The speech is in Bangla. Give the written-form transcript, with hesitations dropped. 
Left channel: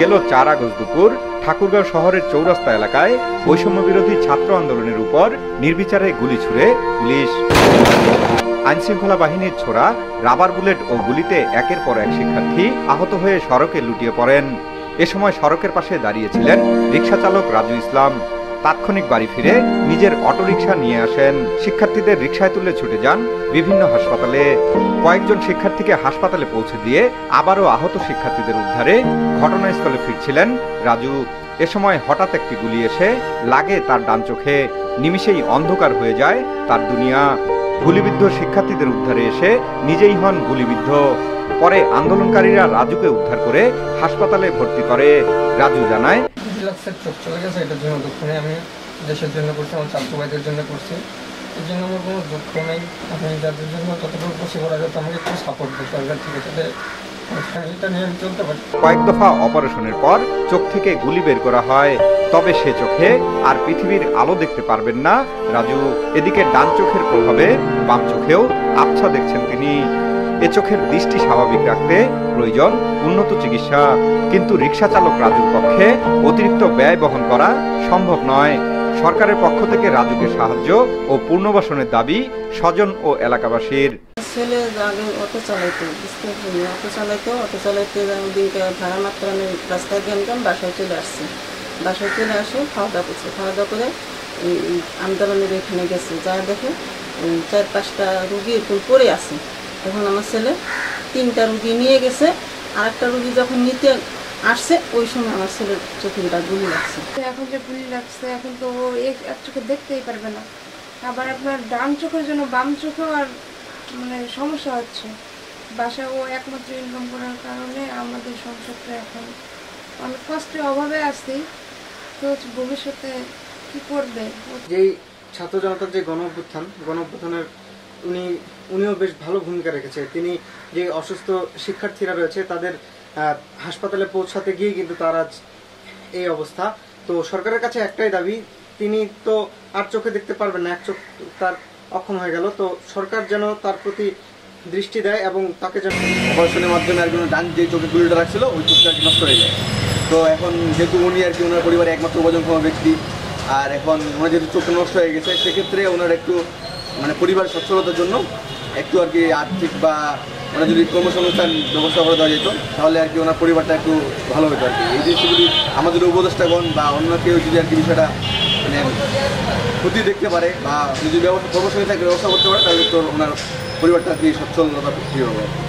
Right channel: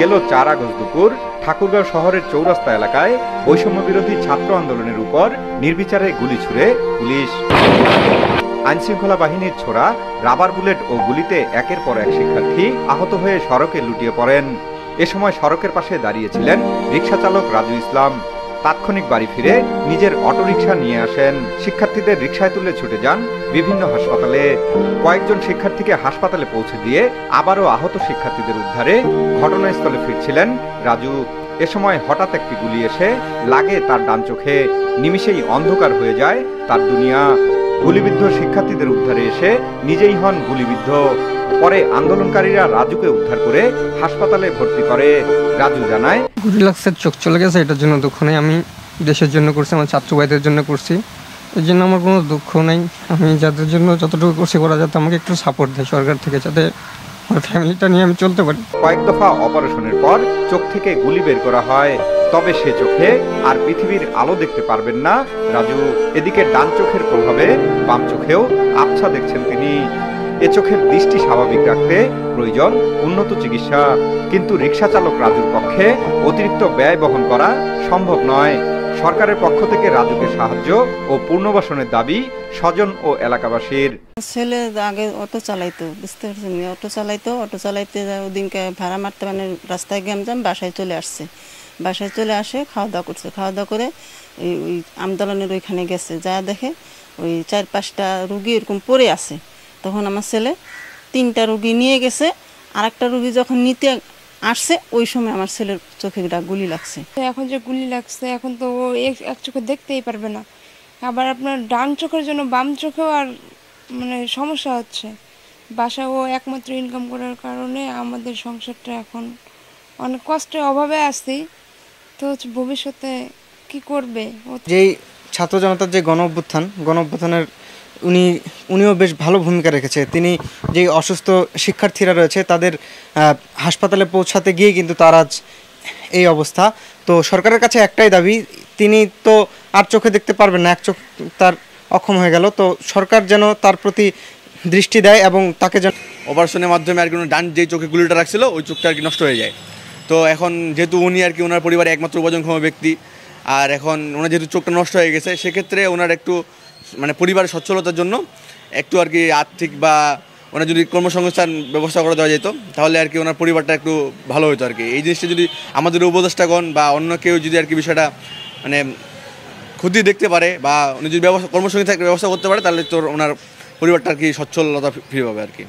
গেল 4 আগস্ট দুপুর ঠাকুরগাঁও শহরের চৌরাস্তা এলাকায় বৈষম্য বিরোধী ছাত্র আন্দোলনের উপর নির্বিচারে গুলি ছুড়ে পুলিশ। আইনশৃঙ্খলা বাহিনীর ছোড়া রাবার বুলেট ও গুলিতে একের পর এক শিক্ষার্থী আহত হয়ে সড়কে লুটিয়ে পড়েন। এ সময় সড়কের পাশে দাঁড়িয়েছিলেন রিকশা চালক রাজু ইসলাম। তাৎক্ষণিক বাড়ি ফিরে নিজের অটোরিকশা নিয়ে আসেন। শিক্ষার্থীদের রিকশায় তুলে ছুটে যান বিভিন্ন হাসপাতালে। কয়েকজন শিক্ষার্থীকে হাসপাতালে পৌঁছে দিয়ে আবারও আহত শিক্ষার্থীদের উদ্ধারে ঘটনাস্থলে ফিরছিলেন রাজু। এ সময় হঠাৎ একটি গুলি এসে লাগে তার ডান চোখে। নিমিষেই অন্ধকার হয়ে যায় তার দুনিয়া। গুলিবিদ্ধ শিক্ষার্থীদের উদ্ধারে এসে নিজেই হন গুলিবিদ্ধ। পরে আন্দোলনকারীরা রাজুকে উদ্ধার করে হাসপাতালে ভর্তি করে। রাজু জানায়, গুলি লাগছে, চোখ চলে গেছে, এটার জন্য দুঃখ নেই। আমি দেশের জন্য করছি, আমার ছাত্র ভাইদের জন্য করছি, এর জন্য আমার কোনো দুঃখ নেই। আমি যাদের জন্য যতটুকু করছি ওরা যাতে আমাকে একটু সাপোর্ট দেয় সরকার থেকে, যাতে আমার ফ্যামিলিটা নিয়ে আমি চলতে পারি। কয়েক দফা অপারেশনের পর চোখ থেকে গুলি বের করা হয়, তবে সে চোখে আর পৃথিবীর আলো দেখতে পারবেন না রাজু। এদিকে ডান চোখের প্রভাবে বাম চোখেও আবছা দেখছেন তিনি। এ চোখের দৃষ্টি স্বাভাবিক রাখতে প্রয়োজন উন্নত চিকিৎসা, কিন্তু রিকশা চালক রাজুর পক্ষে অতিরিক্ত ব্যয় বহন করা সম্ভব নয়। সরকারের পক্ষ থেকে রাজুকে সাহায্য ও পুনর্বাসনের দাবি স্বজন ও এলাকাবাসীর। ছেলে আগে অটো চালাইতো, অটো চালাইতে ওদিনকে ভাড়া মারতে মানে রাস্তায় গ্যামজাম, বাসায় চলে আসছে। বাসায় চলে আসে খাওয়া দাওয়া করছে, খাওয়া দাওয়া করে আন্দোলনের ওইখানে গেছে, যা দেখে ওই 4-5টা রুগী এরকম পড়ে আছে। তখন আমার ছেলে 3টা রুগী নিয়ে গেছে। আর একটা রুগী যখন নিতে আসছে ওই সময় আমার ছেলের চোখে গুলি লাগছে। এখন যে গুলি লাগছে এখন তো ও এক চোখে দেখতেই পারবে না। আবার আপনার ডান চোখের জন্য বাম চোখেও আর মানে সমস্যা হচ্ছে। বাসা ও একমাত্র ইনকাম করার কারণে আমাদের সংসারটা এখন অনেক কষ্টের অভাবে আসছি। তো ভবিষ্যতে কি করবে? যেই ছাত্র জনতার যে গণ অভ্যুত্থানের উনিও বেশ ভালো ভূমিকা রেখেছে। তিনি যে অসুস্থ শিক্ষার্থীরা রয়েছে তাদের হাসপাতালে পৌঁছাতে গিয়ে কিন্তু তার আজ এই অবস্থা। তো সরকারের কাছে একটাই দাবি, তিনি তো আর চোখে দেখতে পারবেন না, এক চোখ তার অক্ষম হয়ে গেল। তো সরকার যেন তার প্রতি দৃষ্টি দেয় এবং তাকে যেন অপারেশনের মাধ্যমে আর কি ডান যেই চোখে গুলিটা রাখছিল ওই চোখটা আর কি নষ্ট হয়ে যায়। তো এখন যেহেতু উনি আর কি ওনার পরিবারে একমাত্র উপার্জনক্ষম ব্যক্তি, আর এখন ওনার যেহেতু চোখটা নষ্ট হয়ে গেছে, সেক্ষেত্রে ওনার একটু মানে পরিবারের সচ্ছলতার জন্য একটু আর কি আর্থিক বা ওনার যদি কর্মসংস্থান ব্যবস্থা করে দেওয়া যেত তাহলে আর কি ওনার পরিবারটা একটু ভালো হতো আর কি। এই জিনিসটা যদি আমাদের উপদেষ্টাগণ বা অন্য কেউ যদি আর কি বিষয়টা মানে ক্ষতি দেখতে পারে বা যদি কর্মসংস্থান ব্যবস্থা করতে পারে তাহলে তো ওনার পরিবারটা আর কি সচ্ছলতা ফ্রি হবে আর কি।